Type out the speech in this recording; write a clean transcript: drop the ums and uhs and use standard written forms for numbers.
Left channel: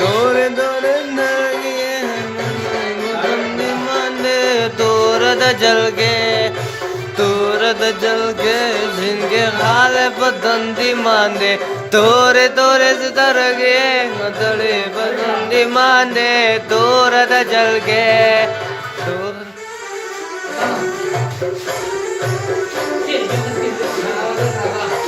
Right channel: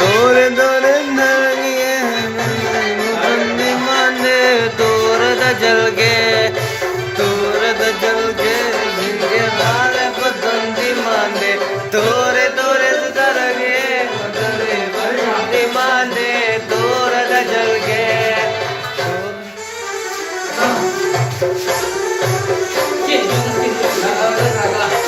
तोरे तोरे नंगे मुतंदी माने तोरद जल के झिंगे माले पतंदी माने तोरे तोरे सितर गे मतरे पतंदी माने तोरद जल के Oke,